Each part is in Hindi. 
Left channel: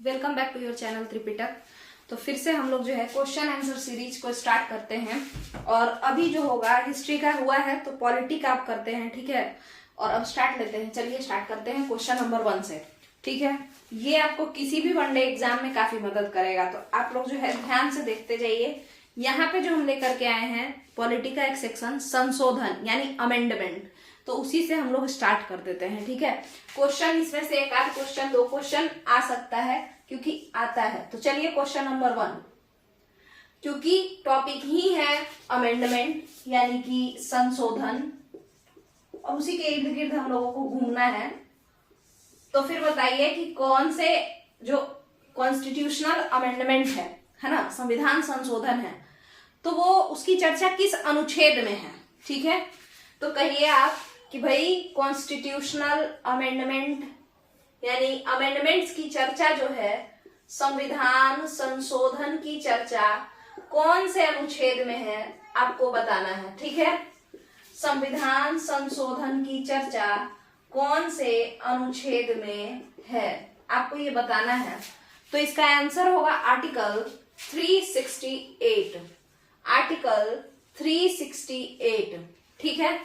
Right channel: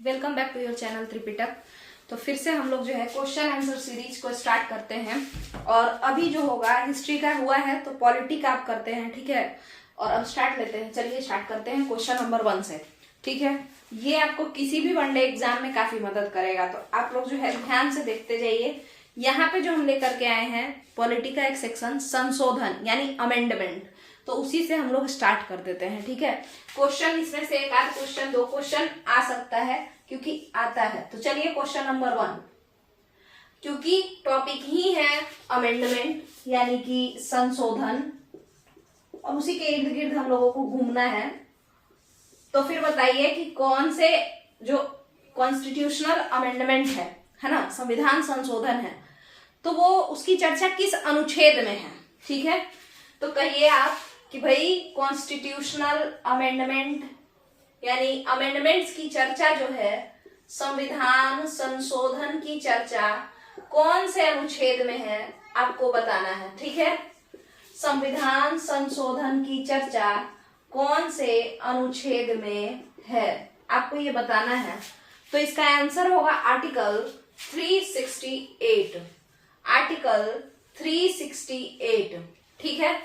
Welcome back to your channel Tripitak. तो फिर से हम लोग जो है क्वेश्चन आंसर सीरीज को स्टार्ट करते हैं। और अभी जो होगा हिस्ट्री का हुआ है तो पॉलिटी का आप करते हैं, ठीक है। और अब स्टार्ट लेते हैं, चलिए स्टार्ट करते हैं क्वेश्चन नंबर 1 से, ठीक है। ये आपको किसी भी वनडे एग्जाम में काफी मदद करेगा, तो आप लोग जो है ध्यान से देखते जाइए। यहाँ पे जो हम लेकर के आए हैं पॉलिटी का एक सेक्शन संशोधन यानी अमेंडमेंट, तो उसी से हम लोग स्टार्ट कर देते हैं, ठीक है। क्वेश्चन इसमें से एक आध क्वेश्चन, दो क्वेश्चन आ सकता है क्योंकि आता है। तो चलिए क्वेश्चन नंबर 1, क्योंकि टॉपिक ही है अमेंडमेंट यानी कि संशोधन और उसी के इर्द गिर्द हम लोगों को घूमना है। तो फिर बताइए कि कौन से जो कॉन्स्टिट्यूशनल अमेंडमेंट है ना, संविधान संशोधन है, तो वो उसकी चर्चा किस अनुच्छेद में है, ठीक है। तो कहिए आप कि भाई कॉन्स्टिट्यूशनल अमेंडमेंट यानी अमेंडमेंट्स की चर्चा जो है, संविधान संशोधन की चर्चा कौन से अनुच्छेद में है आपको बताना है, ठीक है। संविधान संशोधन की चर्चा कौन से अनुच्छेद में है आपको ये बताना है। तो इसका आंसर होगा आर्टिकल 368, आर्टिकल 368, ठीक है।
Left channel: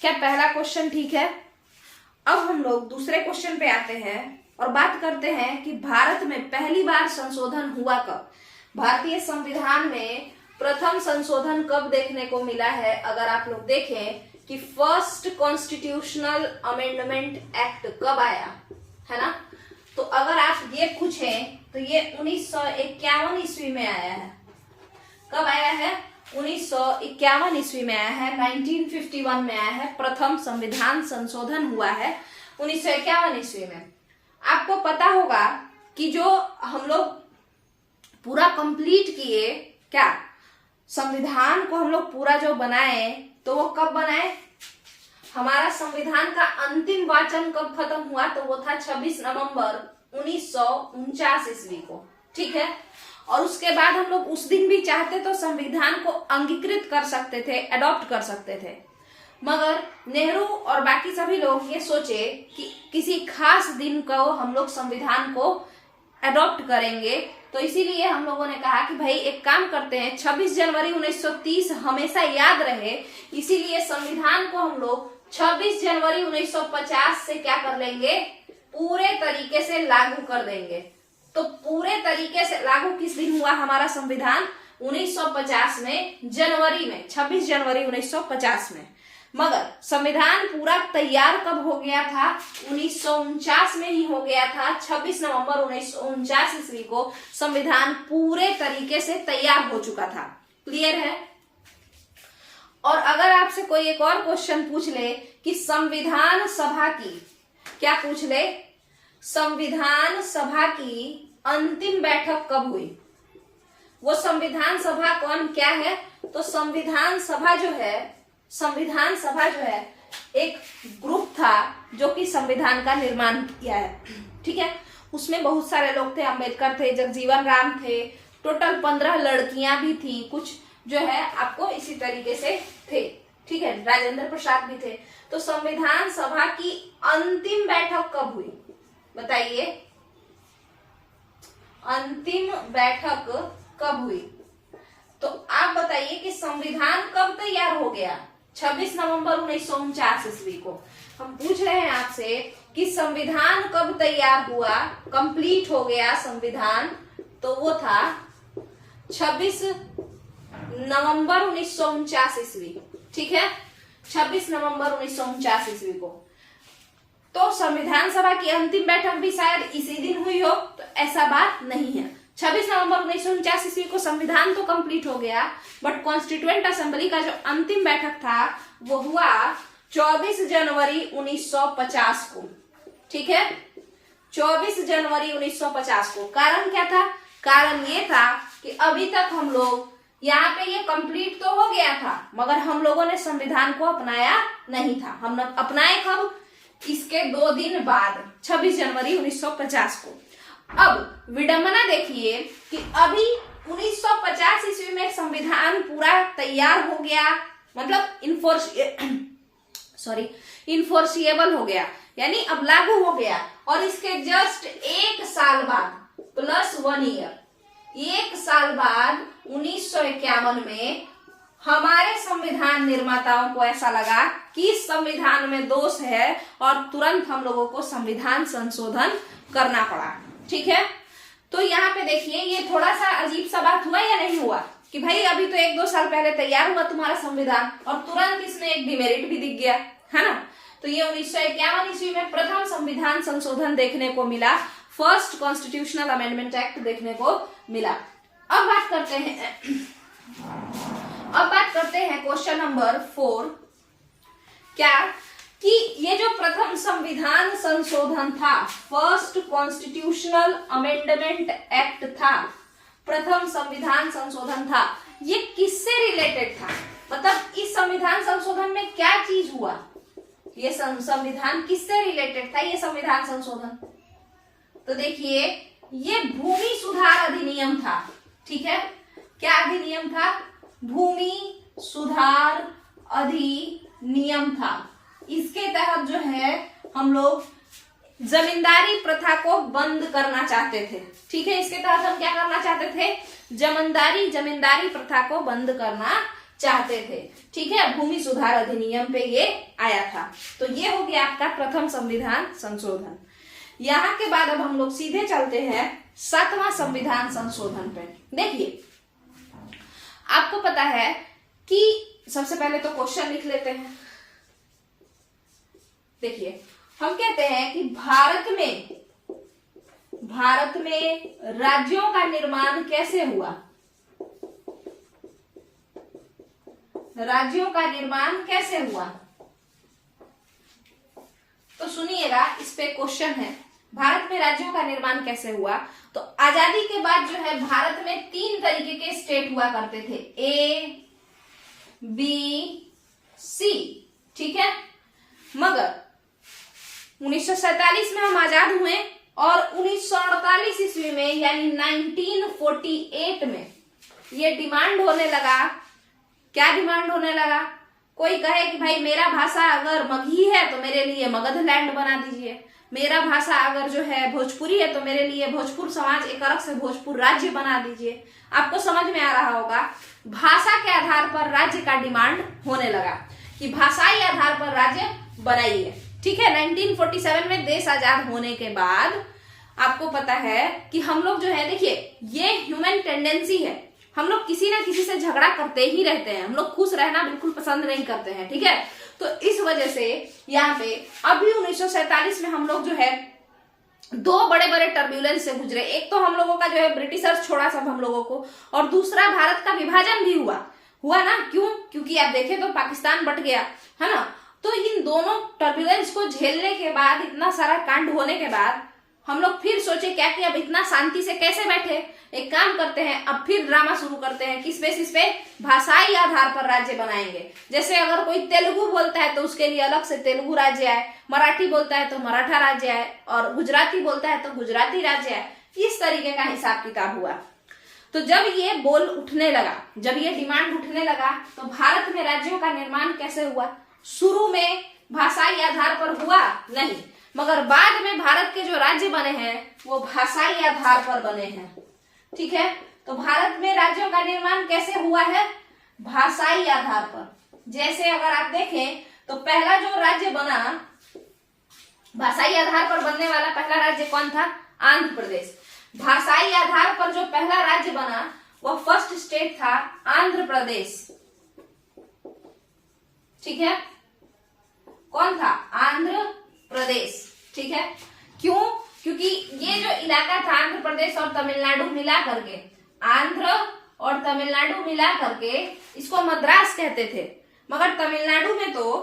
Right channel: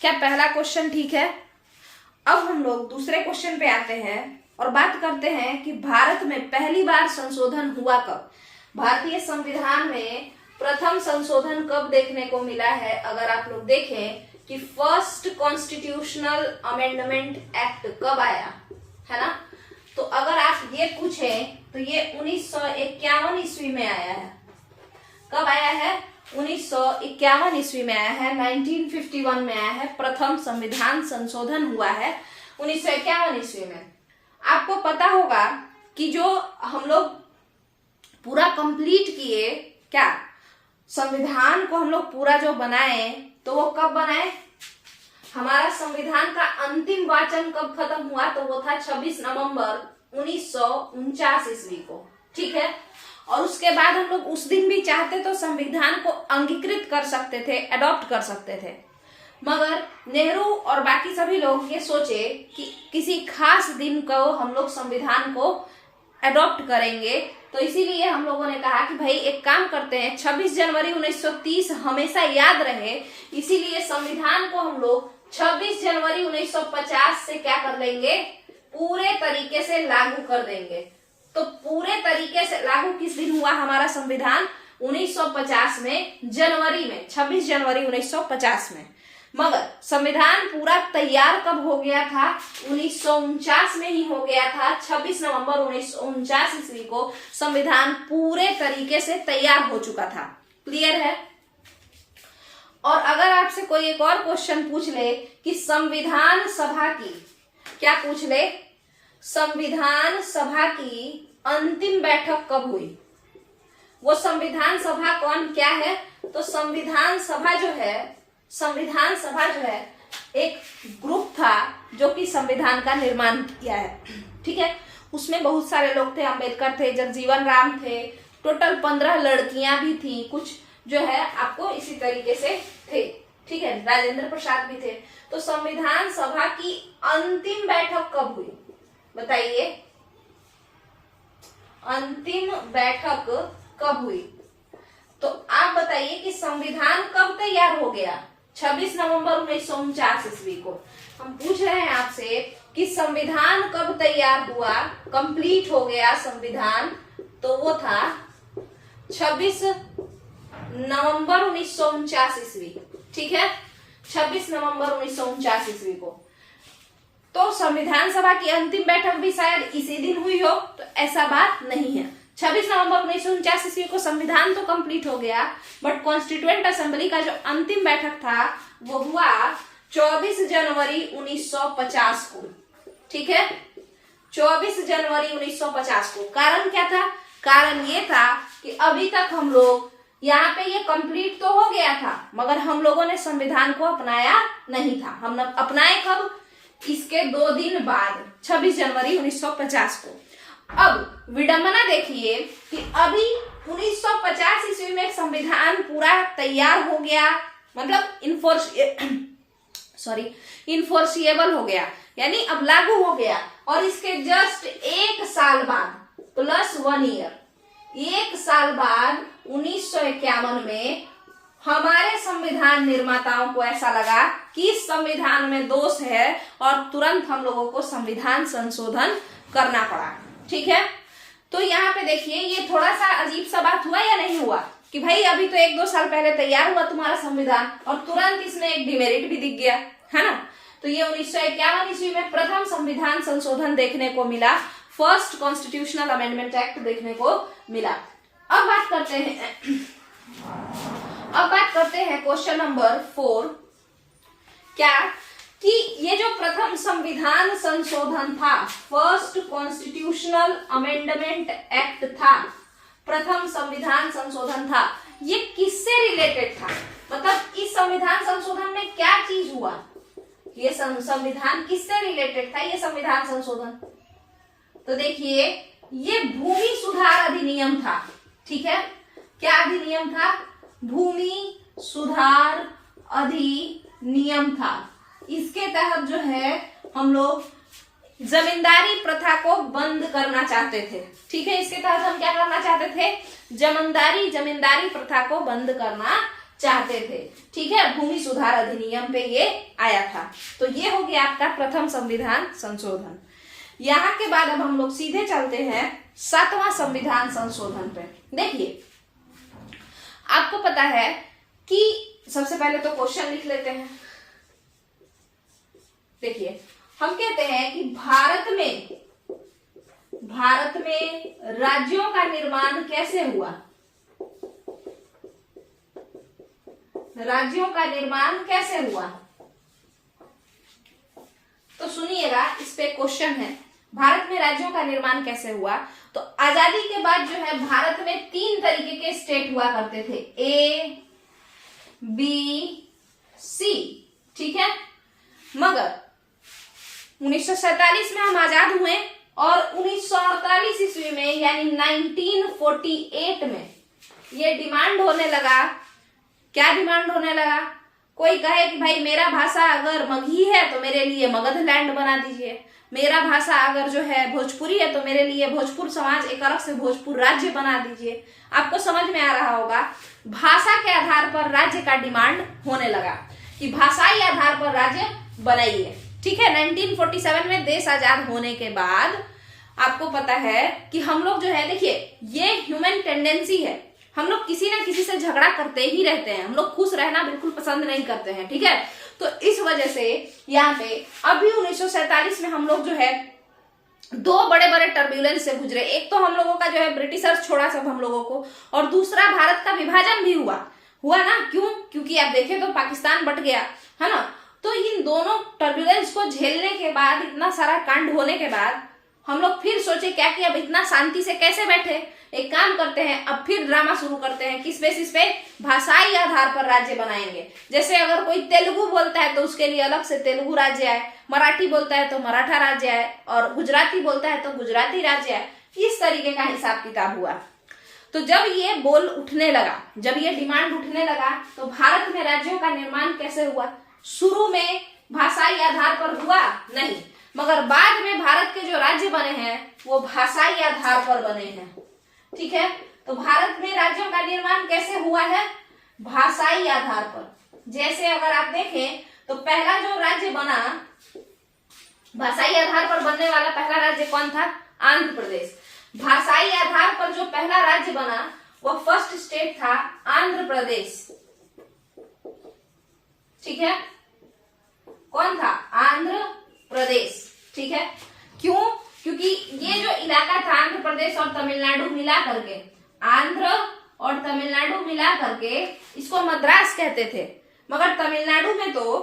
क्या पहला क्वेश्चन ठीक है। अब हम लोग दूसरे क्वेश्चन पे आते हैं और बात करते हैं कि भारत में पहली बार संशोधन हुआ कब। भारतीय संविधान में प्रथम संशोधन कब देखने को मिला है। अगर आप लोग देखें कि फर्स्ट कॉन्स्टिट्यूशनल अमेंडमेंट एक्ट कब आया है ना, तो अगर आप ये पूछें तो ये 1951 ईस्वी में आया है। कब आया है? 1951 ईस्वी में आया है, 1951 में आया है। प्रथम संविधान संशोधन हुआ है 1951 ईस्वी में। आपको पता होगा कि जो हम लोग पूरा कंप्लीट किए, क्या संविधान को हम लोग पूरा जो बनाए, तो वो कब बनाए? हमारा संविधान का अंतिम वाचन कब खत्म हुआ? तो वो था 26 नवंबर 1949 ईस्वी को, ठीक है। और उसके बाद हम लोग उस दिन भी चाहते तो संविधान को अंगीकृत कर सकते थे, अडॉप्ट कर सकते थे, मगर नेहरू और बाकी सभी लोग ये सोचे कि किसी खास दिन को हम लोग संविधान को अडॉप्ट करेंगे। तो इसीलिए हम लोगों ने कहा कि भाई एक काम करते हैं, 26 जनवरी 1930 हमेशा याद रहे, इसीलिए संविधान को हम लोग 26 जनवरी 1950 से क्या कर लेंगे, पूरे तरीके से लागू कर देंगे। तो पूरे तरीके से लागू किस दिन हुआ हमारा संविधान? 1950 में, जनवरी में, 26 जनवरी 1950 में। मगर संविधान पूरा तैयार कब हो गया था? 1949 में ही हो गया था। 26 नवंबर 1949 ईस्वी को संविधान पूरे तरीके से तैयार हो चुका था। क्लियर है। और अगर आपसे कोई एक और क्वेश्चन पूछ ले कि संविधान सभा की, क्या पूछ ले, संविधान सभा की अंतिम बैठक कब हुई? वो संविधान सभा कौन क्या है? तो संविधान सभा जो है एक ग्रुप था जो कि संविधान का निर्माण किया है, ठीक है। उसमें बहुत सारे लोग थे, अंबेडकर थे, जगजीवन राम थे, टोटल 15 लड़कियां भी थी, कुछ जो है आपको इसी तरीके से थे, ठीक है, राजेंद्र प्रसाद भी थे। तो संविधान सभा की अंतिम बैठक कब हुई बताइए? अंतिम बैठक कब हुई? तो आप बताइए कि संविधान कब तैयार हो गया? 26 नवंबर 1949 ईस्वी को। हम पूछ रहे हैं आपसे कि संविधान कब तैयार हुआ, कंप्लीट हो गया संविधान, तो वो था 26 नवंबर 1949 ईस्वी, ठीक है, 26 नवंबर 1949 ईस्वी को। तो संविधान सभा की अंतिम बैठक भी शायद इसी दिन हुई हो, तो ऐसा बात नहीं है। 26 नवंबर 1949 ईस्वी को संविधान तो कंप्लीट हो गया, बट कॉन्स्टिट्यूएंट असेंबली का जो अंतिम बैठक था वो हुआ 24 जनवरी 1950 को, ठीक है, 24 जनवरी 1950 को। कारण क्या था? कारण ये था कि अभी तक हम लोग यहाँ पे ये कंप्लीट तो हो गया था, मगर हम लोगों ने संविधान को अपनाया नहीं था। हम अपनाए कब? इसके 2 दिन बाद, 26 जनवरी 1950 को। अब विडंबना देखिए कि अभी 1950 ईस्वी में संविधान पूरा तैयार हो गया, मतलब इन्फोर्सिएबल हो गया, यानी अब लागू हो गया, और इसके जस्ट 1 साल साल बाद प्लस 1 ईयर, 1 साल बाद 1951 में हमारे संविधान निर्माताओं को ऐसा लगा कि इस संविधान में दोष है और तुरंत हम लोगों को संविधान संशोधन करना पड़ा। ठीक है, तो यहाँ पे देखिए ये थोड़ा सा अजीब सा बात हुआ या नहीं हुआ कि भाई अभी तो 1-2 साल पहले तैयार हुआ तुम्हारा संविधान और तुरंत इसमें एक डिमेरिट भी दिख गया है ना। तो ये 1951 ईस्वी में प्रथम संविधान संशोधन देखने को मिला, फर्स्ट कॉन्स्टिट्यूशनल अमेंडमेंट एक्ट देखने को मिला। अब बात करते हैं क्वेश्चन नंबर 4, क्या कि ये जो प्रथम संविधान संशोधन था, फर्स्ट कॉन्स्टिट्यूशनल अमेंडमेंट एक्ट था, प्रथम संविधान संशोधन था, ये किससे रिलेटेड था? मतलब इस संविधान संशोधन में क्या चीज हुआ? ये संविधान किससे रिलेटेड था, ये संविधान संशोधन? तो देखिए ये भूमि सुधार अधिनियम था। ठीक है, क्या अधिनियम था? भूमि सुधार अधिनियम था। इसके तहत जो है हम लोग जमींदारी प्रथा को बंद करना चाहते थे। ठीक है, इसके तहत हम क्या करना चाहते थे? जमींदारी प्रथा को बंद करना चाहते थे। ठीक है, भूमि सुधार अधिनियम पे ये आया था। तो ये हो गया आपका प्रथम संविधान संशोधन। यहाँ के बाद अब हम लोग सीधे चलते हैं 7वां संविधान संशोधन पे। देखिए आपको पता है कि सबसे पहले तो क्वेश्चन लिख लेते हैं। देखिए हम कहते हैं कि भारत में राज्यों का निर्माण कैसे हुआ? राज्यों का निर्माण कैसे हुआ? तो सुनिएगा, इस पे क्वेश्चन है, भारत में राज्यों का निर्माण कैसे हुआ? तो आजादी के बाद जो है भारत में 3 तरीके के स्टेट हुआ करते थे, A, B, C। ठीक है, मगर 1947 में हम आजाद हुए और 1948 ईस्वी में यानी 1948 में ये डिमांड होने लगा। क्या डिमांड होने लगा? कोई कहे कि भाई मेरा भाषा अगर मगही है तो मेरे लिए मगध लैंड बना दीजिए, मेरा भाषा अगर जो है भोजपुरी है तो मेरे लिए भोजपुर समाज एक अलग से भोजपुर राज्य बना दीजिए। आपको समझ में आ रहा होगा, भाषा के आधार पर राज्य का डिमांड होने लगा कि भाषाई आधार पर राज्य बनाइए। ठीक है, 1947 में देश आजाद होने के बाद आपको पता है कि हम लोग जो है, देखिए ये ह्यूमन टेंडेंसी है, हम लोग किसी ना किसी से झगड़ा करते ही रहते हैं, हम लोग खुश रहना बिल्कुल पसंद नहीं करते हैं। ठीक है, तो इस वजह से यहाँ पे अभी 1947 में हम लोग जो है 2 बड़े बड़े टर्ब्यूलेंस से गुजरे। एक तो हम लोगों का जो है ब्रिटिशर्स छोड़ा सब हम लोगों को, और दूसरा भारत का विभाजन भी हुआ ना। क्यों? क्योंकि आप देखें तो पाकिस्तान बट गया है ना। तो इन दोनों टर्ब्यूलेंस को झेलने के बाद, इतना सारा कांड होने के बाद हम लोग फिर सोचे क्या कि अब इतना शांति से कैसे बैठे, एक काम करते हैं, अब फिर ड्रामा शुरू करते हैं। किस बेसिस पे? भाषाई आधार पर राज्य बनाएंगे। जैसे अगर कोई तेलुगु बोलता है तो उसके लिए अलग से तेलुगु राज्य आए, मराठी बोलता है तो मराठा राज्य आए, और गुजराती बोलता है तो गुजराती राज्य आए। इस तरीके का हिसाब किताब हुआ। तो जब ये बोल उठने लगा, जब ये डिमांड उठने लगा, तो भारत में राज्यों का निर्माण कैसे हुआ? शुरू में भाषाई आधार पर हुआ नहीं, मगर बाद में भारत के जो राज्य बने हैं वो भाषाई आधार पर बने हैं। ठीक है, तो भारत में राज्यों का निर्माण कैसे हुआ है? भाषाई आधार पर। जैसे अगर आप देखें तो पहला जो राज्य बना भाषाई आधार पर बनने वाला पहला राज्य कौन था? आंध्र प्रदेश। भाषाई आधार पर जो पहला राज्य बना वो फर्स्ट स्टेट था आंध्र प्रदेश। ठीक है, कौन था? आंध्र प्रदेश। ठीक है, क्यों? क्योंकि ये जो इलाका था आंध्र प्रदेश और तमिलनाडु मिला करके, आंध्र और तमिलनाडु मिला करके इसको मद्रास कहते थे, मगर तमिलनाडु में तो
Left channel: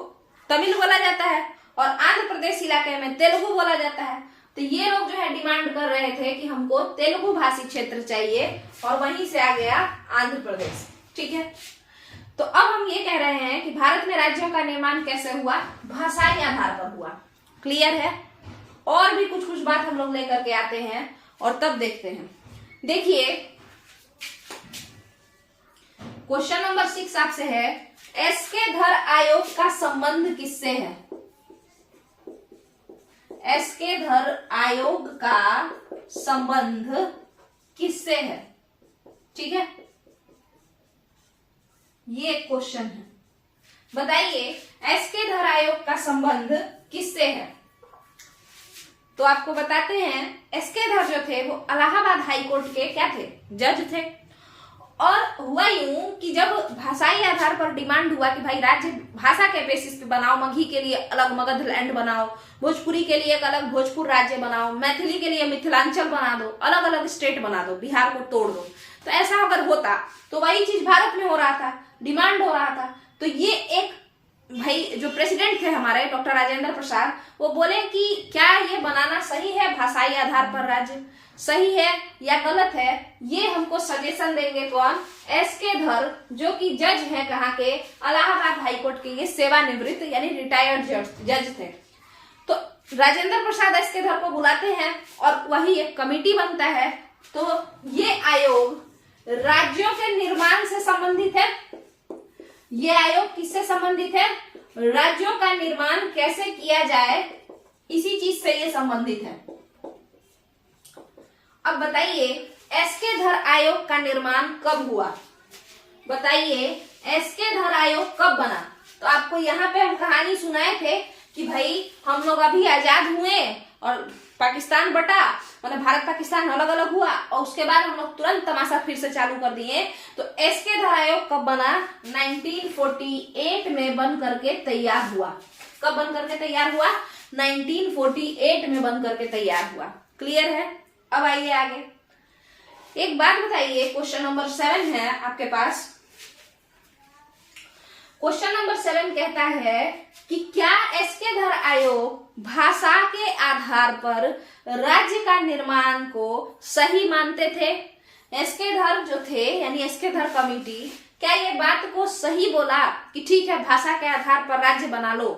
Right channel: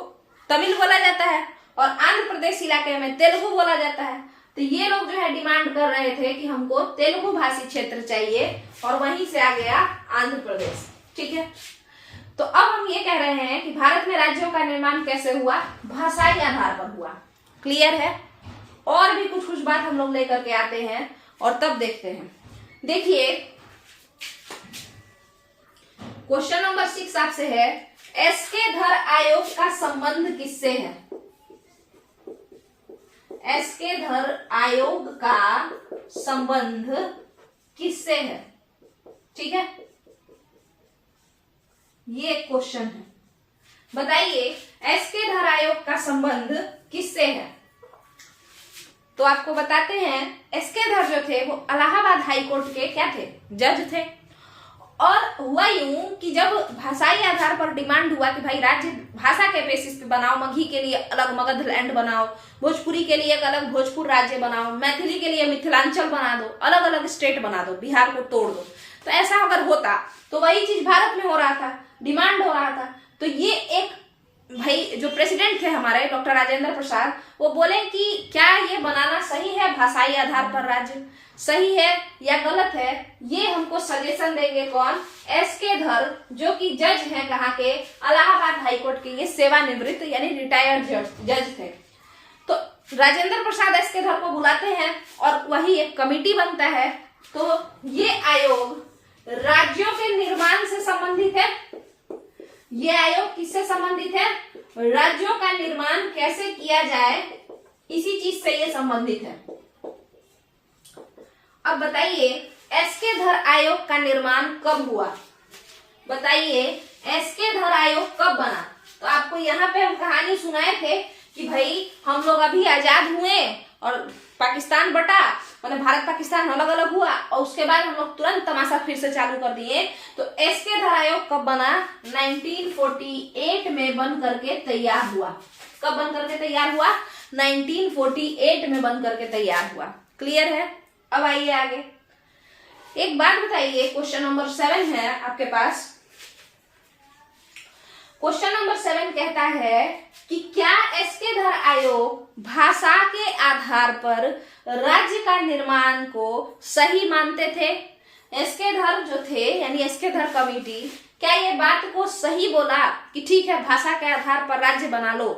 तमिल बोला जाता है और आंध्र प्रदेश इलाके में तेलुगु बोला जाता है। तो ये लोग जो है डिमांड कर रहे थे कि हमको तेलुगु भाषी क्षेत्र चाहिए, और वहीं से आ गया आंध्र प्रदेश। ठीक है, तो अब हम ये कह रहे हैं कि भारत में राज्यों का निर्माण कैसे हुआ? भाषाई आधार पर हुआ। क्लियर है? और भी कुछ बात हम लोग लेकर के आते हैं और तब देखते हैं। देखिए क्वेश्चन नंबर 6 आपसे है, एसके धर आयोग का संबंध किससे है? एस्केधर आयोग का संबंध किससे है? ठीक है, ये क्वेश्चन है। बताइए एस्केधर आयोग का संबंध किससे है? तो आपको बताते हैं, एस्केधर जो थे वो इलाहाबाद हाई कोर्ट के क्या थे? जज थे। और हुआ यूं कि जब भाषाई आधार पर डिमांड हुआ कि भाई राज्य भाषा के बेसिस पे बनाओ, मगही के लिए अलग मगध लैंड बनाओ, भोजपुरी के लिए एक अलग भोजपुर राज्य बनाओ, मैथिली के लिए मिथिलांचल बना दो, अलग अलग स्टेट बना दो, बिहार को तोड़ दो। तो ऐसा अगर होता तो वही चीज भारत में हो रहा था, डिमांड हो रहा था। तो ये एक भाई जो प्रेसिडेंट थे हमारे डॉक्टर राजेंद्र प्रसाद, वो बोले कि क्या ये बनाना सही है, भाषाई आधार पर राज्य सही है या गलत है? ये हमको सजेशन देंगे कौन? एस्केधर, जो कि जज है कहाँ के? इलाहाबाद हाईकोर्ट के। ये सेवानिवृत्त यानी रिटायर्ड जज थे। तो राजेंद्र प्रसाद एस्केधर को बुलाते हैं और वही एक कमिटी बनता है। तो ये आयोग राज्यों के निर्माण से संबंधित है। ये आयोग किससे संबंधित है? राज्यों का निर्माण कैसे किया जाए, इसी चीज से ये संबंधित है। अब बताइए एस्केधर आयोग का निर्माण कब हुआ? बताइए एस्केधर आयोग कब बना? तो आपको यहाँ पे हम कहानी सुनाए थे कि भाई हम लोग अभी आजाद हुए और पाकिस्तान बटा, मतलब भारत पाकिस्तान अलग अलग हुआ और उसके बाद हम लोग तुरंत तमाशा फिर से चालू कर दिए। तो एस्केधर आयोग कब बना? 1948 में बन करके तैयार हुआ। कब बन करके तैयार हुआ? 1948 में बन करके तैयार हुआ। क्लियर है? अब आइए आगे। एक बात बताइए, क्वेश्चन नंबर 7 है आपके पास। क्वेश्चन नंबर 7 कहता है कि क्या एस्केधर आयोग भाषा के आधार पर राज्य का निर्माण को सही मानते थे? एस्केधर जो थे यानी एस्केधर कमेटी, क्या ये बात को सही बोला कि ठीक है भाषा के आधार पर राज्य बना लो?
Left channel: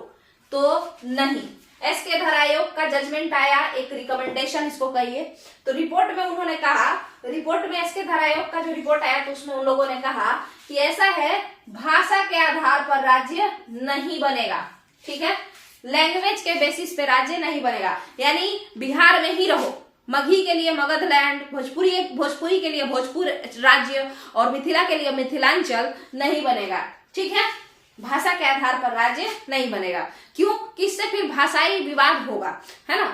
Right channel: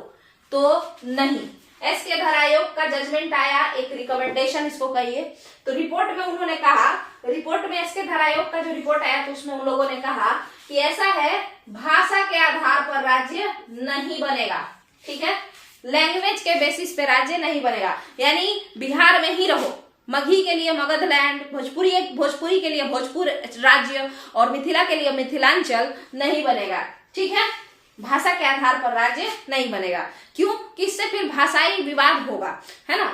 तो नहीं। एस्केधर आयोग का जजमेंट आया, एक रिकमेंडेशन इसको कहिए। तो रिपोर्ट में उन्होंने कहा, रिपोर्ट में एस्केधर आयोग का जो रिपोर्ट आया तो उसमें उन लोगों ने कहा कि ऐसा है, भाषा के आधार पर राज्य नहीं बनेगा। ठीक है, लैंग्वेज के बेसिस पे राज्य नहीं बनेगा, यानी बिहार में ही रहो, मगही के लिए मगध लैंड, भोजपुरी के लिए भोजपुर राज्य और मिथिला के लिए मिथिलांचल नहीं बनेगा। ठीक है, भाषा के आधार पर राज्य नहीं बनेगा। क्यों? किससे फिर भाषाई विवाद होगा, है ना?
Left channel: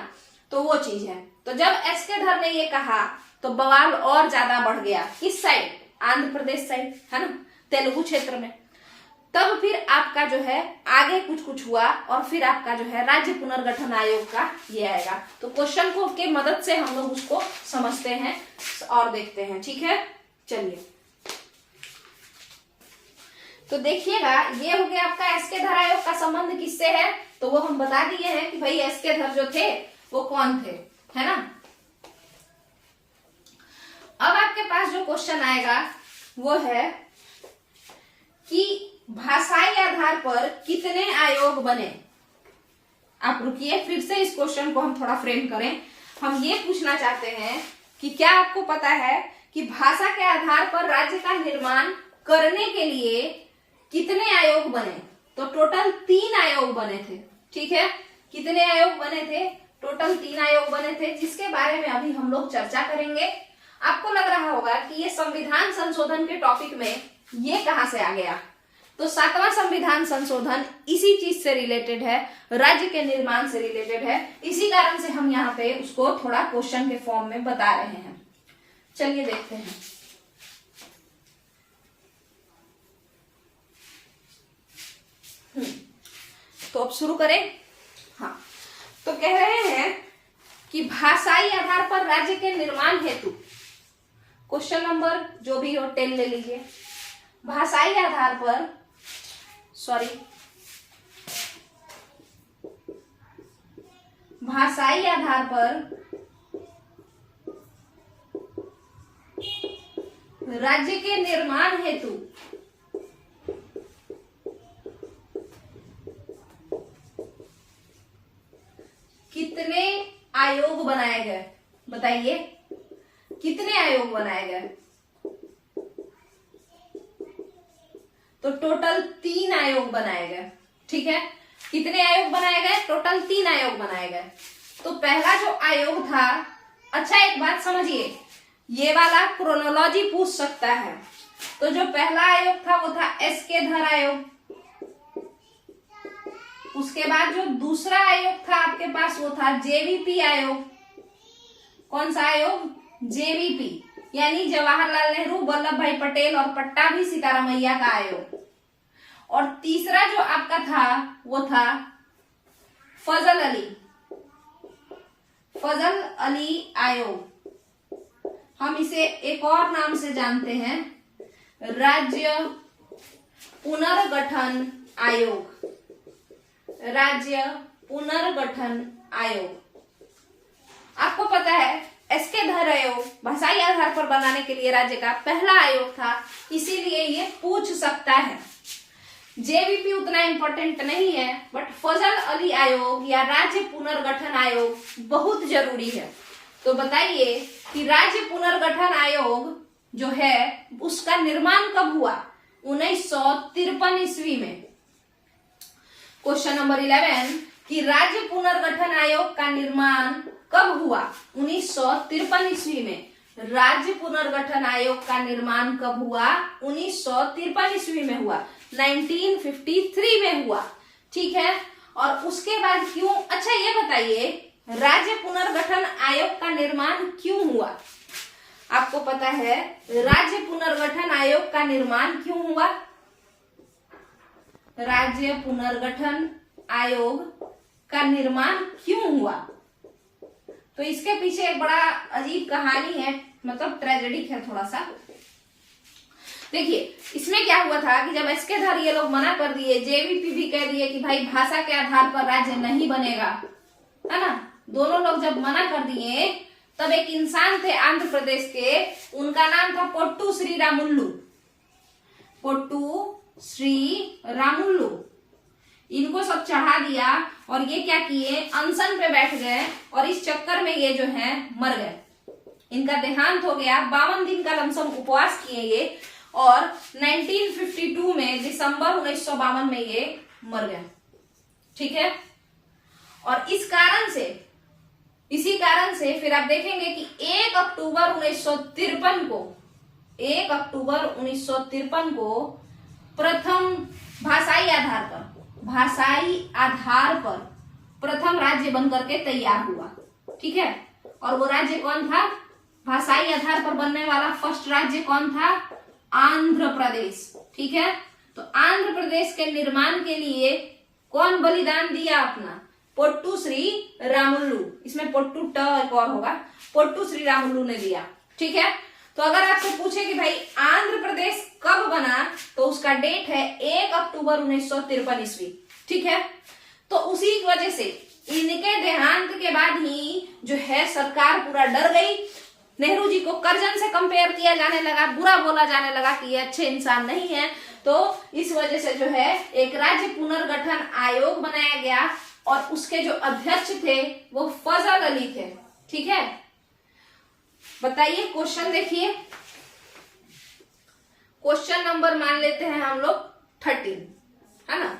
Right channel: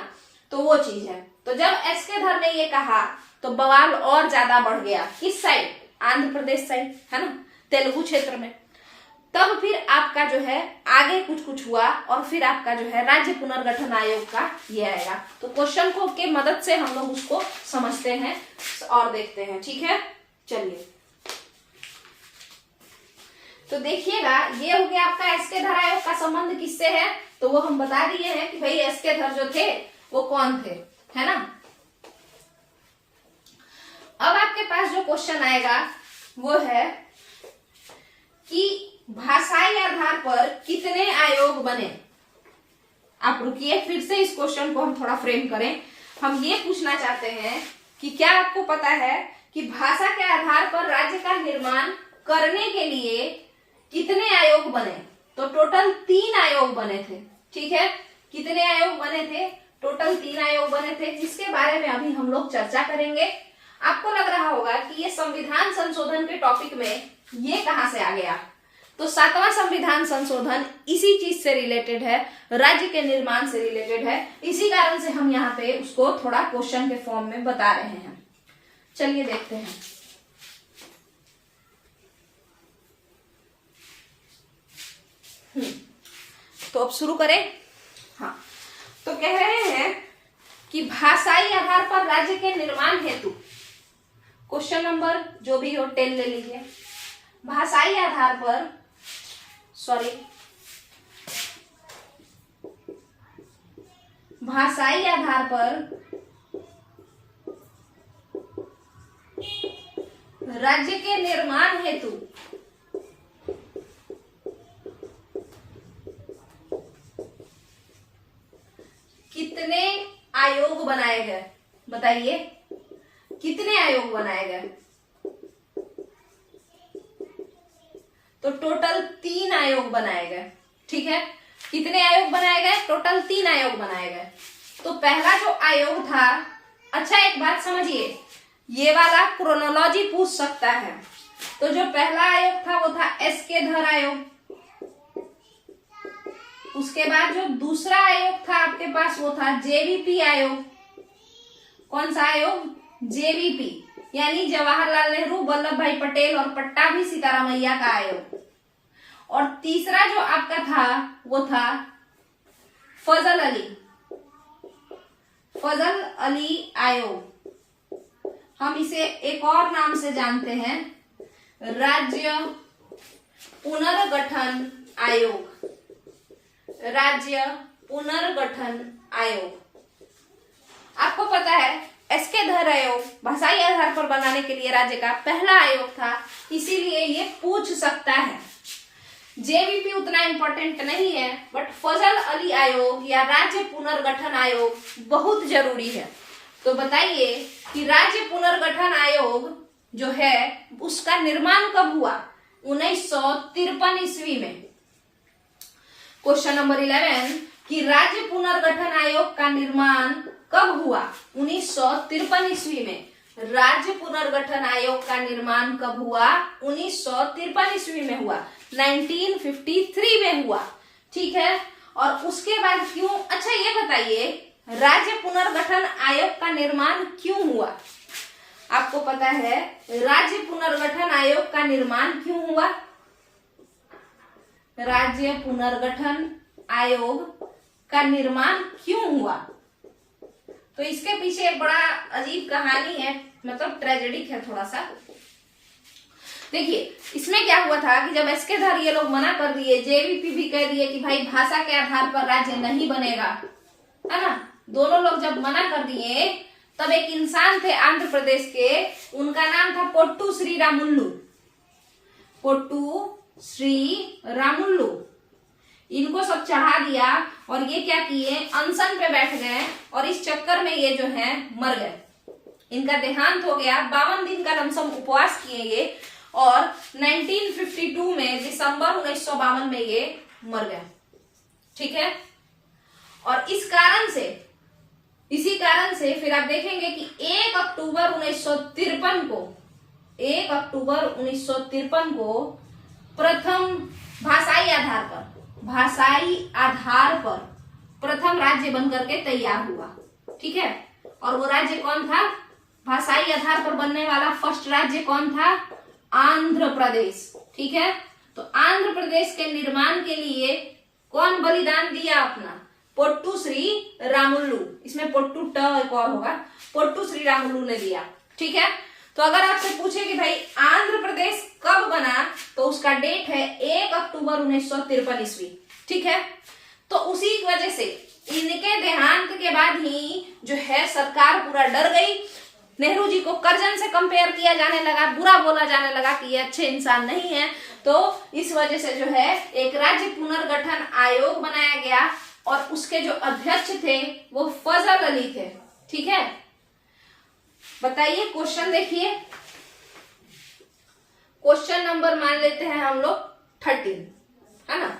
तो वो चीज है। तो जब एस्केधर ने ये कहा तो बवाल और ज्यादा बढ़ गया। किस साइड? आंध्र प्रदेश साइड, है ना, तेलुगु क्षेत्र में। तब फिर आपका जो है आगे कुछ कुछ हुआ और फिर आपका जो है राज्य पुनर्गठन आयोग का ये आएगा। तो क्वेश्चन को के मदद से हम लोग उसको समझते हैं और देखते हैं। ठीक है, चलिए तो देखिएगा, ये हो गया आपका एस्केधर आयोग का संबंध किससे है। तो वो हम बता दिए हैं कि भाई एस्केधर जो थे वो कौन थे, है ना। अब आपके पास जो क्वेश्चन आएगा वो है कि भाषाई आधार पर कितने आयोग बने। आप रुकिए, फिर से इस क्वेश्चन को हम थोड़ा फ्रेम करें। हम ये पूछना चाहते हैं कि क्या आपको पता है कि भाषा के आधार पर राज्य का निर्माण करने के लिए कितने आयोग बने? तो टोटल 3 आयोग बने थे। ठीक है, कितने आयोग बने थे? टोटल 3 आयोग बने थे, जिसके बारे में अभी हम लोग चर्चा करेंगे। आपको लग रहा होगा कि ये संविधान संशोधन के टॉपिक में ये कहां से आ गया। तो 7वां संविधान संशोधन इसी चीज से रिलेटेड है, राज्य के निर्माण से रिलेटेड है। इसी कारण से हम यहाँ पे उसको थोड़ा क्वेश्चन के फॉर्म में बता रहे हैं। चलिए देखते हैं। तो अब शुरू करें। हाँ, तो कह रहे हैं कि भाषाई आधार पर राज्य के निर्माण हेतु, क्वेश्चन नंबर जो भी हो 10 ले लीजिए। भाषाई आधार पर, भाषाई आधार पर राज्य के निर्माण हेतु कितने आयोग बनाए गए? बताइए कितने आयोग बनाए गए? तो टोटल 3 आयोग बनाए गए। ठीक है, कितने आयोग बनाए गए? टोटल 3 आयोग बनाए गए। तो पहला जो आयोग था, अच्छा एक बात समझिए, ये वाला क्रोनोलॉजी पूछ सकता है। तो जो पहला आयोग था वो था एसके धर आयोग। उसके बाद जो दूसरा आयोग था आपके पास वो था जेवीपी आयोग। कौन सा आयोग? जेवीपी, यानी जवाहरलाल नेहरू, वल्लभ भाई पटेल और पट्टाभी सीतारामैया का आयोग। और तीसरा जो आपका था वो था फजल अली आयोग। हम इसे एक और नाम से जानते हैं, राज्य पुनर्गठन आयोग। राज्य पुनर्गठन आयोग। आपको पता है एसके धर आयोग भाषाई आधार पर बनाने के लिए राज्य का पहला आयोग था, इसीलिए ये पूछ सकता है। जेवीपी उतना इंपॉर्टेंट नहीं है, बट फजल अली आयोग या राज्य पुनर्गठन आयोग बहुत जरूरी है। तो बताइए कि राज्य पुनर्गठन आयोग जो है उसका निर्माण कब हुआ? 1953 ईस्वी में। क्वेश्चन नंबर 11 कि राज्य पुनर्गठन आयोग का निर्माण कब हुआ? 1953 ईस्वी में। राज्य पुनर्गठन आयोग का निर्माण कब हुआ? 1953 ईस्वी में हुआ, 1953 में हुआ। ठीक है, और उसके बाद क्यों? अच्छा ये बताइए राज्य पुनर्गठन आयोग का निर्माण क्यों हुआ? आपको पता है राज्य पुनर्गठन आयोग का निर्माण क्यों हुआ? राज्य पुनर्गठन आयोग का निर्माण क्यों हुआ? तो इसके पीछे एक बड़ा अजीब कहानी है, मतलब ट्रेजेडिक है थोड़ा सा। देखिए इसमें क्या हुआ था कि जब एसके धर ये लोग मना कर दिए, जेवीपी भी कह दिए कि भाई भाषा के आधार पर राज्य नहीं बनेगा, है ना, दोनों लोग जब मना कर दिए तब एक इंसान थे आंध्र प्रदेश के, उनका नाम था पोट्टू श्री रामुल्लू। पोट्टू श्री रामुल्लू, इनको सब चढ़ा दिया और ये क्या किए, अनशन पे बैठ गए और इस चक्कर में ये जो है मर गए। इनका देहांत हो गया। 52 दिन का लमसम उपवास किए ये और 1952 में दिसंबर 1952 में ये मर गए। ठीक है, और इसी कारण से फिर आप देखेंगे कि 1 अक्टूबर 1953 को प्रथम भाषाई आधार पर प्रथम राज्य बनकर के तैयार हुआ। ठीक है, और वो राज्य कौन था? भाषाई आधार पर बनने वाला फर्स्ट राज्य कौन था? आंध्र प्रदेश। ठीक है, तो आंध्र प्रदेश के निर्माण के लिए कौन बलिदान दिया अपना? पोट्टू श्री रामुल्लू। इसमें पोट्टू ट एक और होगा, पोट्टू श्री रामुल्लू ने दिया। ठीक है, तो अगर आपसे पूछे कि भाई आंध्र प्रदेश कब बना, तो उसका डेट है 1 अक्टूबर 1953 ईस्वी। ठीक है, तो उसी वजह से इनके देहांत के बाद ही जो है सरकार पूरा डर गई। नेहरू जी को करजन से कंपेयर किया जाने लगा, बुरा बोला जाने लगा कि ये अच्छे इंसान नहीं है। तो इस वजह से जो है एक राज्य पुनर्गठन आयोग बनाया गया और उसके जो अध्यक्ष थे वो फजल अली थे। ठीक है, बताइए क्वेश्चन देखिए। क्वेश्चन नंबर मान लेते हैं हम लोग 13, है ना।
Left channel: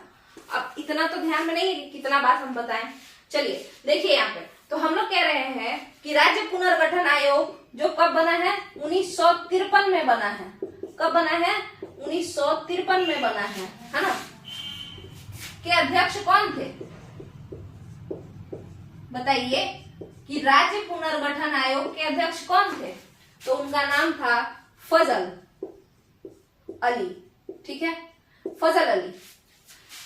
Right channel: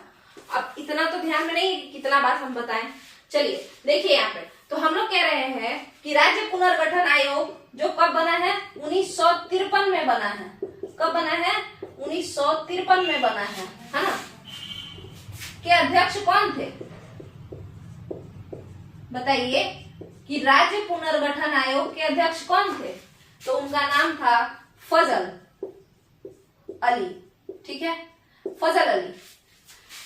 अब इतना तो ध्यान में नहीं कितना बात हम बताएं। चलिए देखिए यहाँ पे, तो हम लोग कह रहे हैं कि राज्य पुनर्गठन आयोग जो कब बना है? 1953 में बना है। कब बना है? 1953 में बना है ना। के अध्यक्ष कौन थे बताइए? कि राज्य पुनर्गठन आयोग के अध्यक्ष कौन थे? तो उनका नाम था फजल अली। ठीक है, फजल अली।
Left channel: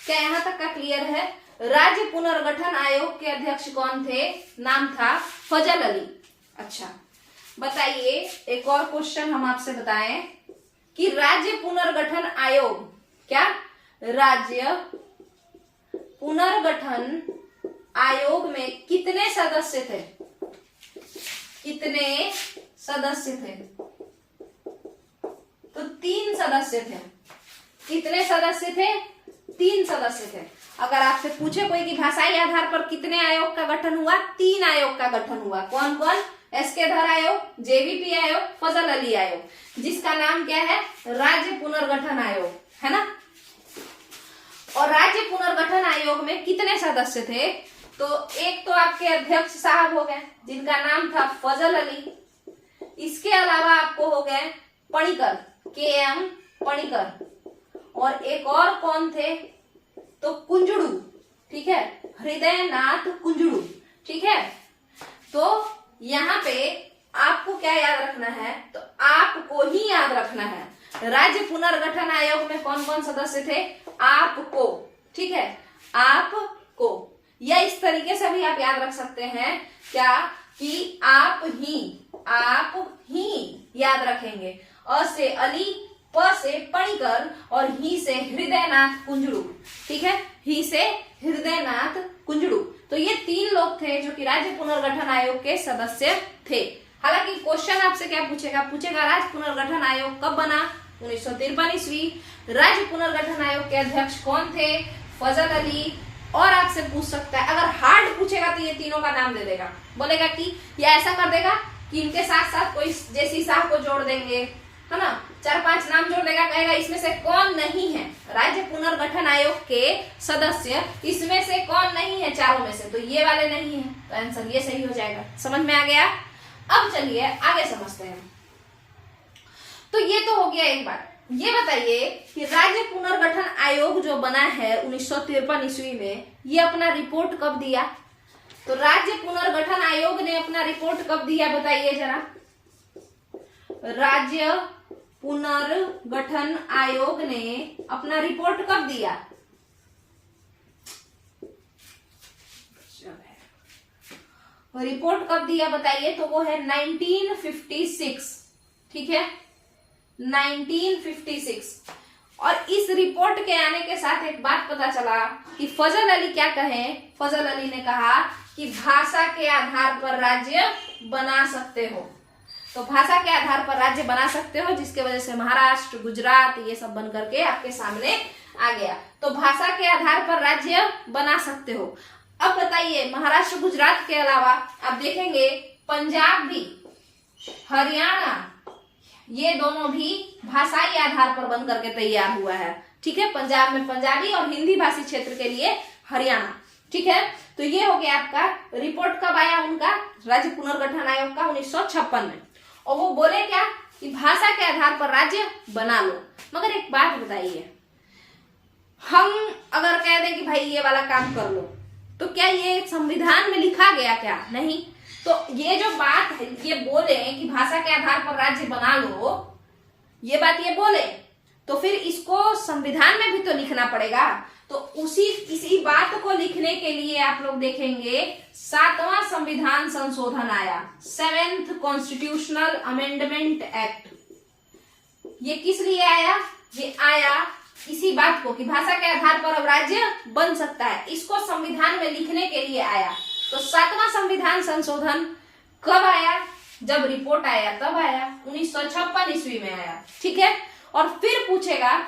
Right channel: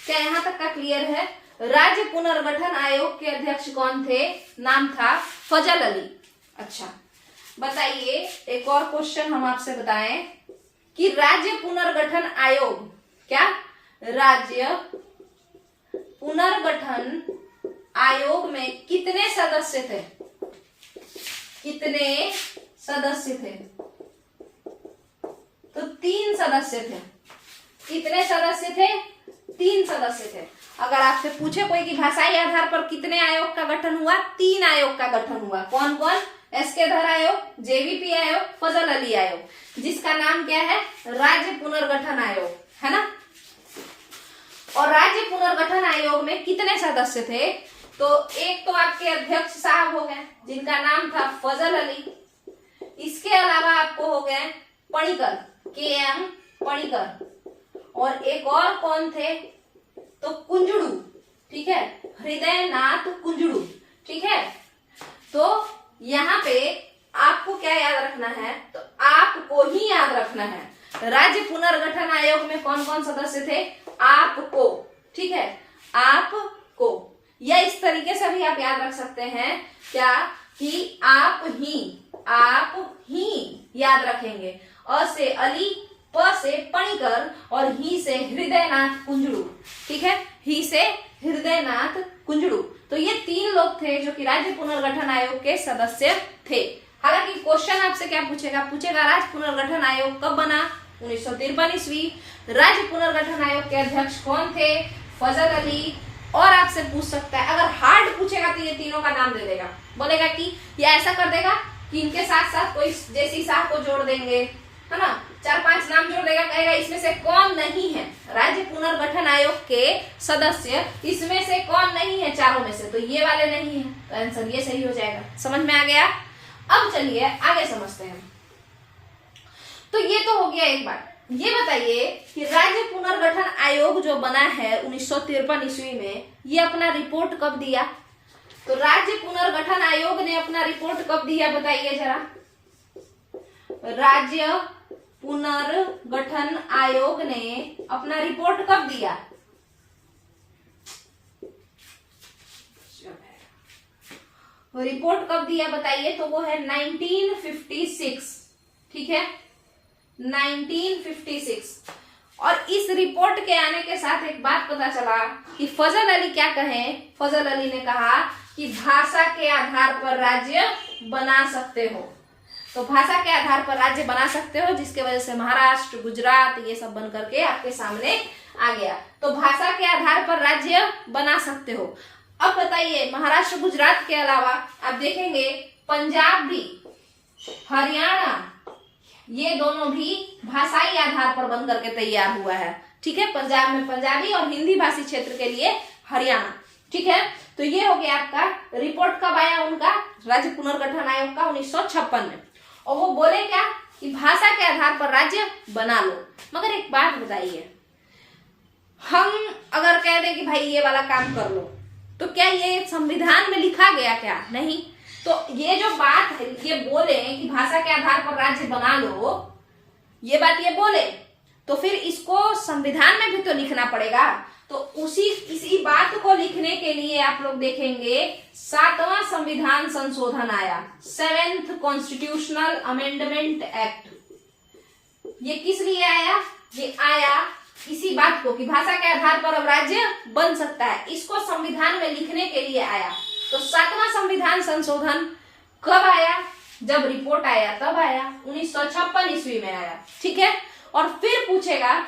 क्या यहां तक का क्लियर है? राज्य पुनर्गठन आयोग के अध्यक्ष कौन थे? नाम था फजल अली। अच्छा बताइए, एक और क्वेश्चन हम आपसे बताएं कि राज्य पुनर्गठन आयोग, क्या राज्य पुनर्गठन आयोग में कितने सदस्य थे? कितने सदस्य थे? तो 3 सदस्य थे। कितने सदस्य थे? 3 सदस्य थे। अगर आपसे पूछे कोई कि भाषाई आधार पर कितने आयोग का गठन हुआ? 3 आयोग का गठन हुआ। कौन कौन? एसके धर आयोग, जेवीपी आयोग, फजल अली आयोग, जिसका नाम क्या है? राज्य पुनर्गठन आयोग, है ना। और राज्य पुनर्गठन आयोग में कितने सदस्य थे? तो एक तो आपके अध्यक्ष साहब हो गए जिनका नाम था फजल अली, इसके अलावा आपको हो गए पणिकर, KM पणिकर, और एक और कौन थे तो कुंजड़ू, ठीक है, हृदयनाथ कुंजड़ू, ठीक है। तो यहाँ पे आपको क्या याद रखना है, तो आपको ही याद रखना है राज्य पुनर्गठन आयोग में कौन कौन सदस्य थे, आपको, ठीक है, आपको, या इस तरीके से भी आप याद रख सकते हैं क्या कि आप ही याद रखेंगे। अ से अली, प से पणिकर और ही से हृदयनाथ कुंजड़ू, ठीक है, ही से हृदयनाथ कुंजड़ू। तो ये 3 लोग थे जो कि राज्य पुनर्गठन आयोग के सदस्य थे। हालांकि क्वेश्चन आपसे क्या पूछेगा, राज्य पुनर्गठन आयोग कब बना, 1953 ईस्वी। राज्य पुनर्गठन आयोग के अध्यक्ष कौन थे, फजल अली। और आपसे पूछ सकता है, अगर हार्ड पूछेगा तो ये तीनों का नाम दे देगा, बोलेगा कि या ऐसा कर देगा कि इनके साथ साथ कोई जेसी साहब को जोड़ देंगे, है ना, 4-5 नाम जोड़ देगा, कहेगा इसमें से कौन नहीं है राज्य पुनर्गठन आयोग के सदस्य, इसमें से कौन नहीं है चारों में से, तो ये वाले नहीं है, तो आंसर ये सही हो जाएगा। समझ में आ गया। अब चलिए आगे समझते हैं। तो ये तो हो गया एक बात। ये बताइए कि राज्य पुनर्गठन आयोग जो बना है 1953 ईस्वी में, ये अपना रिपोर्ट कब दिया, तो राज्य पुनर्गठन आयोग ने अपना रिपोर्ट कब दिया बताइए जरा। राज्य पुनर्गठन आयोग ने अपना रिपोर्ट कब दिया, रिपोर्ट कब दिया बताइए, तो वो है 1956, ठीक है, 1956। और इस रिपोर्ट के आने के साथ एक बात पता चला कि फजल अली क्या कहे, फजल अली ने कहा कि भाषा के आधार पर राज्य बना सकते हो, तो भाषा के आधार पर राज्य बना सकते हो, जिसके वजह से महाराष्ट्र, गुजरात ये सब बन करके आपके सामने आ गया। तो भाषा के आधार पर राज्य बना सकते हो। अब बताइए, महाराष्ट्र गुजरात के अलावा आप देखेंगे पंजाब भी, हरियाणा, ये दोनों भी भाषाई आधार पर बन करके तैयार हुआ है, ठीक है। पंजाब में पंजाबी और हिंदी भाषी क्षेत्र के लिए हरियाणा, ठीक है। तो ये हो गया आपका। रिपोर्ट कब आया उनका, राज्य पुनर्गठन आयोग का, 1956 में। और वो बोले क्या कि भाषा के आधार पर राज्य बना लो। मगर एक बात बताइए, हम अगर कह दें कि भाई ये वाला काम कर लो, तो क्या ये संविधान में लिखा गया क्या, नहीं। तो ये जो बात है, ये बोले कि भाषा के आधार पर राज्य बना लो, ये बात ये बोले, तो फिर इसको संविधान में भी तो लिखना पड़ेगा। तो इसी बात को लिखने के लिए आप लोग देखेंगे 7वां संविधान संशोधन आया, 7th कॉन्स्टिट्यूशनल अमेंडमेंट एक्ट। ये किस लिए आया, ये आया इसी बात को कि भाषा के आधार पर अब राज्य बन सकता है, इसको संविधान में लिखने के लिए आया। तो 7वां संविधान संशोधन कब आया, जब रिपोर्ट आया तब आया, 1956 ईस्वी में आया, ठीक है। और फिर पूछेगा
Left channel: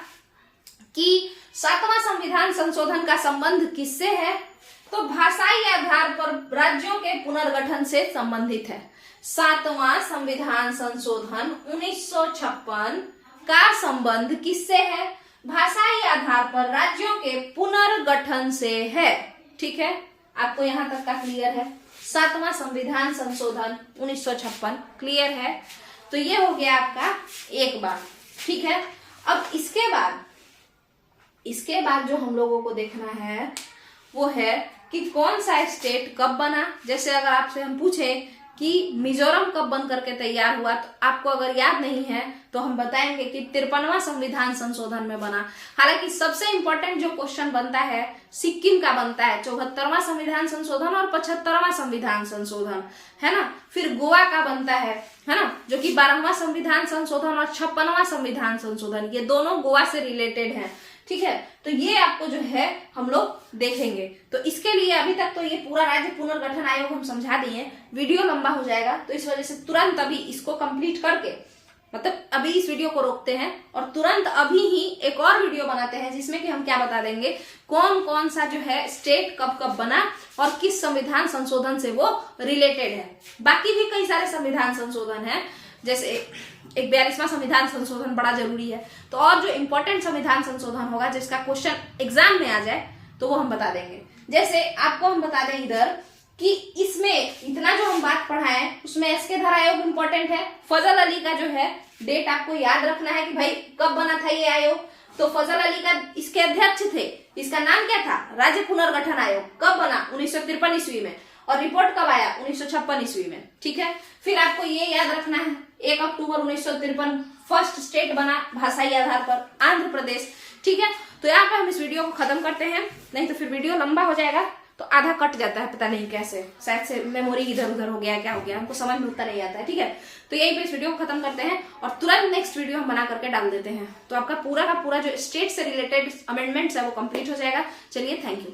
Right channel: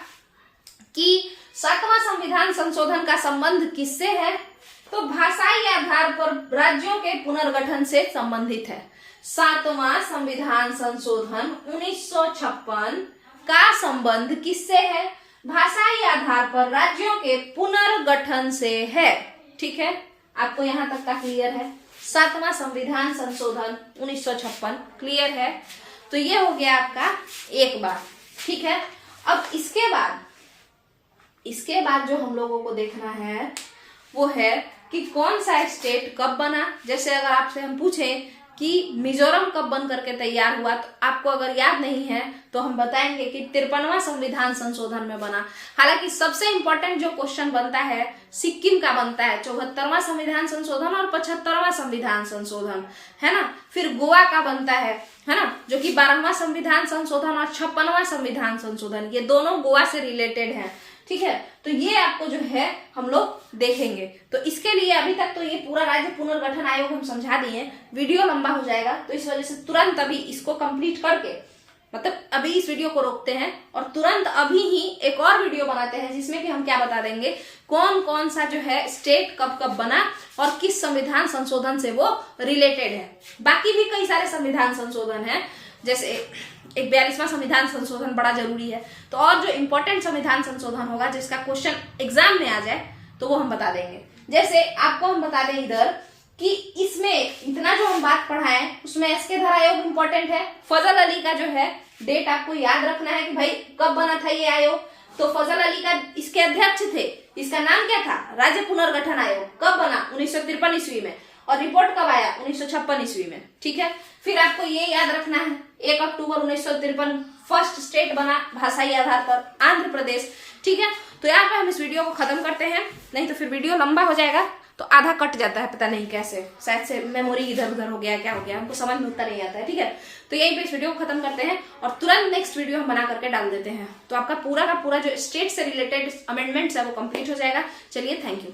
कि 7वां संविधान संशोधन का संबंध किससे है, तो भाषाई आधार पर राज्यों के पुनर्गठन से संबंधित है। 7वां संविधान संशोधन 1956 का संबंध किससे है, भाषाई आधार पर राज्यों के पुनर्गठन से है, ठीक है। आपको यहां तक का क्लियर है। 7वां संविधान संशोधन 1956 क्लियर है। तो ये हो गया आपका एक बात, ठीक है। अब इसके बाद जो हम लोगों को देखना है वो है कि कौन सा स्टेट कब बना। जैसे अगर आपसे हम पूछे कि मिजोरम कब बन करके तैयार हुआ, तो आपको अगर याद नहीं है तो हम बताएंगे कि 53वां संविधान संशोधन में बना। हालांकि सबसे इंपॉर्टेंट जो क्वेश्चन बनता है सिक्किम का बनता है, 74वां संविधान संशोधन और 75वां संविधान संशोधन, है ना। फिर गोवा का बनता है ना, जो कि 12वां संविधान संशोधन और 56वां संविधान संशोधन, ये दोनों गोवा से रिलेटेड है, ठीक है। तो ये आपको जो है हम लोग देखेंगे। तो इसके लिए अभी तक तो ये पूरा राज्य पुनर्गठन आयोग हम समझा दिए, वीडियो लंबा हो जाएगा, तो इस वजह से तुरंत अभी इसको कंप्लीट करके, मतलब अभी इस वीडियो को रोकते हैं और तुरंत अभी ही एक और वीडियो बनाते हैं, जिसमें कि हम क्या बता देंगे, कौन कौन सा जो है स्टेट कब कब बना और किस संविधान संशोधन से वो रिलेटेड है। बाकी भी कई सारे संविधान संशोधन है, जैसे एक 42वां संविधान संशोधन बड़ा जरूरी है। तो और जो इंपॉर्टेंट संविधान संशोधन होगा जिसका क्वेश्चन एग्जाम में आ जाए, तो वो हम बता देंगे। जैसे आपको हम बता दें इधर कि इसमें इतना जो हम बात पढ़ाए उसमें एसके धर आयोग इंपॉर्टेंट है। फजल अली का जो है डेट आपको याद रखना है कि भाई कब बना था ये आयोग। तो फजल अली का इसके अध्यक्ष थे, इसका नाम क्या था, राज्य पुनर्गठन आयोग। कब बना, 1953 ईस्वी में। और रिपोर्ट कब आया, 1956 ईस्वी में। ठीक है, फिर आपको ये याद रखना है 1 अक्टूबर 1953 फर्स्ट स्टेट बना भाषाई आधार पर, आंध्र प्रदेश। ठीक है, तो यहाँ पे हम इस वीडियो को खत्म करते हैं, नहीं तो फिर वीडियो लंबा हो जाएगा तो आधा कट जाता है, पता नहीं कैसे, शायद से मेमोरी इधर उधर हो गया, क्या हो गया, हमको समझ में उतना नहीं आता है। ठीक है, तो यही पे इस वीडियो को खत्म करते हैं और तुरंत नेक्स्ट वीडियो हम बना करके डाल देते हैं। तो आपका पूरा का पूरा जो स्टेट से रिलेटेड अमेंडमेंट्स है वो कंप्लीट हो जाएगा। चलिए, थैंक यू।